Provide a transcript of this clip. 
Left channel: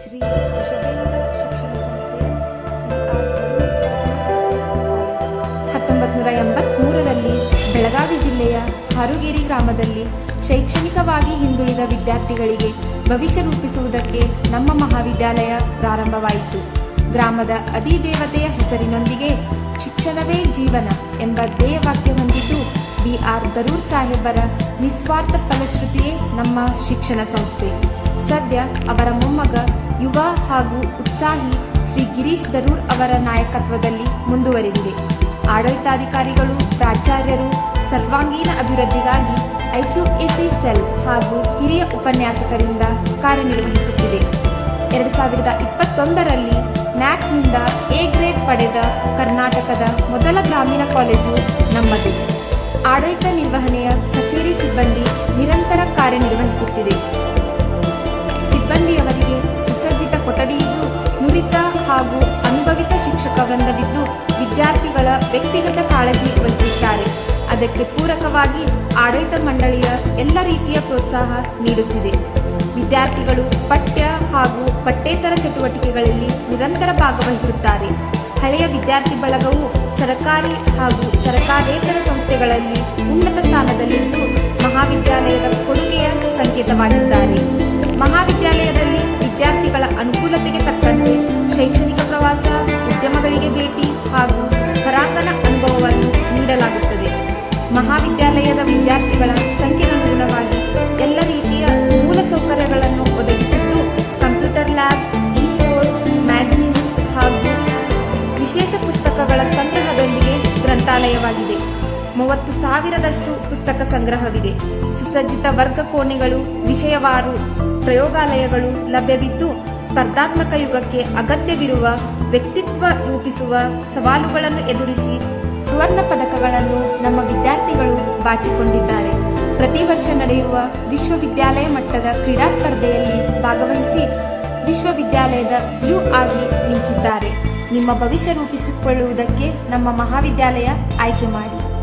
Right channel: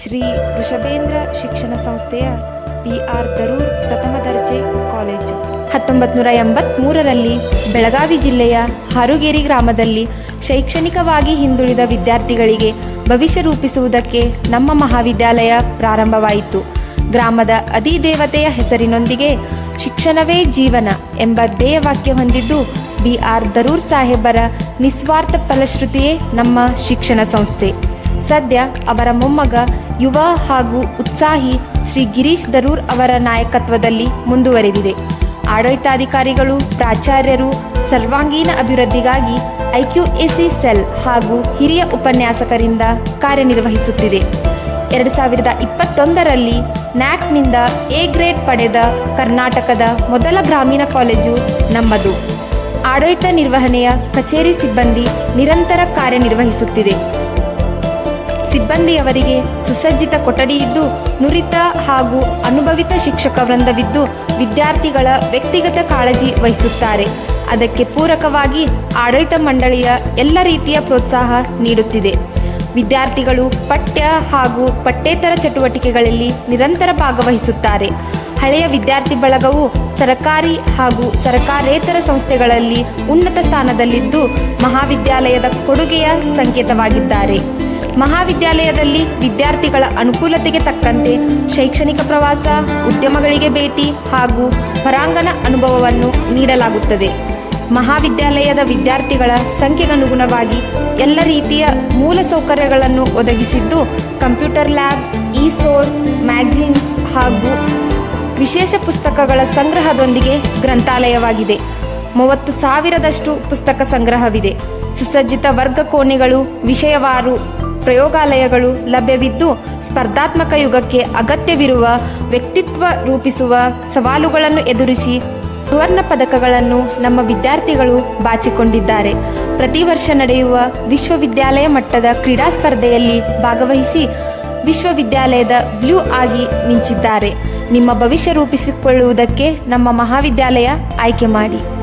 ಶ್ರೀ ವೃಷಭೇಂದ್ರ ಶಿಕ್ಷಣ ಸಂಸ್ಥೆಯ PR ದರೂರ್ ಪ್ರಥಮ ದರ್ಜೆ ಕಾಲೇಜು 1983ರಲ್ಲಿ ಬೆಳಗಾವಿ ಜಿಲ್ಲೆಯ ಹಾರುಗೇರಿ ಗ್ರಾಮದಲ್ಲಿ ಶೈಕ್ಷಣಿಕವಾಗಿ ಹಿಂದುಳಿದ ವಿದ್ಯಾರ್ಥಿಗಳಿಗೆ ಭವಿಷ್ಯ ರೂಪಿಸುವುದಕ್ಕೆ ನಮ್ಮ ಮಹಾವಿದ್ಯಾಲಯ ಪ್ರಾರಂಭವಾಯಿತು. ಗ್ರಾಮದ ಅಧಿದೇವತೆಯ ಹೆಸರಿನೊಂದಿಗೆ ಶಿಕ್ಷಣವೇ ಜೀವನ ಎಂಬ ಧ್ಯೇಯವಾಕ್ಯ ಹೊಂದಿದ್ದು PR ದರೂರ್ ಸಾಹೇಬರ ನಿಸ್ವಾರ್ಥ ಫಲಶ್ರುತಿಯೇ ನಮ್ಮ ಶಿಕ್ಷಣ ಸಂಸ್ಥೆ. ಸದ್ಯ ಅವರ ಮೊಮ್ಮಗ ಯುವ ಹಾಗೂ ಉತ್ಸಾಹಿ ಶ್ರೀ ಗಿರೀಶ್ ದರೂರ್ ಅವರ ನಾಯಕತ್ವದಲ್ಲಿ ಮುಂದುವರೆದಿದೆ. ಆಡಳಿತಾಧಿಕಾರಿಗಳು, ಪ್ರಾಚಾರ್ಯರು ಸರ್ವಾಂಗೀಣ ಅಭಿವೃದ್ಧಿಗಾಗಿ IQAC ಸೆಲ್ ಹಾಗೂ ಹಿರಿಯ ಉಪನ್ಯಾಸಕರಿಂದ ಕಾರ್ಯನಿರ್ವಹಿಸುತ್ತಿದೆ. 2021ರಲ್ಲಿ ನ್ಯಾಕ್ನಿಂದ A ಗ್ರೇಡ್ ಪಡೆದ ಕರ್ನಾಟಕದ ಮೊದಲ ಗ್ರಾಮೀಣ ಕಾಲೇಜು ನಮ್ಮದು. ಆಡಳಿತ ನಿರ್ವಹಣೆಯ ಕಚೇರಿ ಸಿಬ್ಬಂದಿ ನಿರಂತರ ಕಾರ್ಯನಿರ್ವಹಿಸುತ್ತಿದೆ. ಸಿಬ್ಬಂದಿಯವರಿಗೆ ಸುಸಜ್ಜಿತ ಕೊಠಡಿ ಇದ್ದು, ನುರಿತ ಹಾಗೂ ಅನುಭವಿತ ಶಿಕ್ಷಕ ವೃಂದವಿದ್ದು ವಿದ್ಯಾರ್ಥಿಗಳ ವ್ಯಕ್ತಿಗತ ಕಾಳಜಿ ವಹಿಸುತ್ತಾರೆ. ಅದಕ್ಕೆ ಪೂರಕವಾಗಿ ಆಡಳಿತ ಮಂಡಳಿಯ ಎಲ್ಲ ರೀತಿಯ ಪ್ರೋತ್ಸಾಹ ನೀಡುತ್ತಿದೆ. ವಿದ್ಯಾರ್ಥಿಗಳು ಪಠ್ಯ ಹಾಗೂ ಪಠ್ಯೇತರ ಚಟುವಟಿಕೆಗಳಲ್ಲಿ ನಿರಂತರ ಭಾಗವಹಿಸುತ್ತಾರೆ. ಹಳೆಯ ವಿದ್ಯಾರ್ಥಿ ಬಳಗವು ಸರಕಾರಿ ಹಾಗೂ ಸರಕಾರೇತರ ಸಂಸ್ಥೆಗಳಲ್ಲಿ ಉನ್ನತ ಸ್ಥಾನದಲ್ಲಿದ್ದು ಮಹಾವಿದ್ಯಾಲಯದ ಕೊಡುಗೆಯ ಸಂಕೇತವಾಗಿದ್ದಾರೆ. ಮಹಾವಿದ್ಯಾಲಯದಲ್ಲಿ ವಿದ್ಯಾರ್ಥಿಗಳ ಅನುಕೂಲತೆಗೆ ತಕ್ಕಂತೆ ಶೈಕ್ಷಣಿಕ ಪ್ರವಾಸ, ಉದ್ಯಮಗಳಿಗೆ ಭೇಟಿ ಹಾಗೂ ಹೊರಾಂಗಣ ಅನುಭವವನ್ನು ನೀಡಲಾಗುತ್ತದೆ. ಮಹಾವಿದ್ಯಾಲಯದ ವಿದ್ಯಾರ್ಥಿಗಳ ಸಂಖ್ಯೆಗನುಗುಣವಾಗಿ ಎಲ್ಲ ರೀತಿಯ ಮೂಲ ಸೌಕರ್ಯಗಳನ್ನು ಒದಗಿಸಿದ್ದು, ಕಂಪ್ಯೂಟರ್ ಲ್ಯಾಬ್, ಇ-ಸೋರ್ಸ್, ಮ್ಯಾಗಝಿನ್ಸ್ ಹಾಗೂ ವಿಶೇಷ ಪುಸ್ತಕಗಳ ಸಂಗ್ರಹದೊಂದಿಗೆ ಗ್ರಂಥಾಲಯವಾಗಿದೆ. 30,000ದಷ್ಟು ಪುಸ್ತಕ ಸಂಗ್ರಹವಿದೆ. ಸುಸಜ್ಜಿತ ವರ್ಗ ಕೋಣೆಗಳು, ವಿಷಯವಾರು ಪ್ರಯೋಗಾಲಯಗಳು ಲಭ್ಯವಿದ್ದು, ಸ್ಪರ್ಧಾತ್ಮಕ ಯುಗಕ್ಕೆ ಅಗತ್ಯವಿರುವ ವ್ಯಕ್ತಿತ್ವ ರೂಪಿಸುವ ಸವಾಲುಗಳನ್ನು ಎದುರಿಸಿ ಸುವರ್ಣ ಪದಕಗಳನ್ನು ನಮ್ಮ ವಿದ್ಯಾರ್ಥಿಗಳು ಬಾಚಿಕೊಂಡಿದ್ದಾರೆ. ಪ್ರತಿ ವರ್ಷ ನಡೆಯುವ ವಿಶ್ವವಿದ್ಯಾಲಯ ಮಟ್ಟದ ಕ್ರೀಡಾ ಸ್ಪರ್ಧೆಯಲ್ಲಿ ಭಾಗವಹಿಸಿ ವಿಶ್ವವಿದ್ಯಾಲಯದ ಬ್ಲೂ ಆಗಿ ಮಿಂಚಿದ್ದಾರೆ. ನಿಮ್ಮ ಭವಿಷ್ಯ ರೂಪಿಸಿಕೊಳ್ಳುವುದಕ್ಕೆ ನಮ್ಮ ಮಹಾವಿದ್ಯಾಲಯ ಆಯ್ಕೆ ಮಾಡಿ.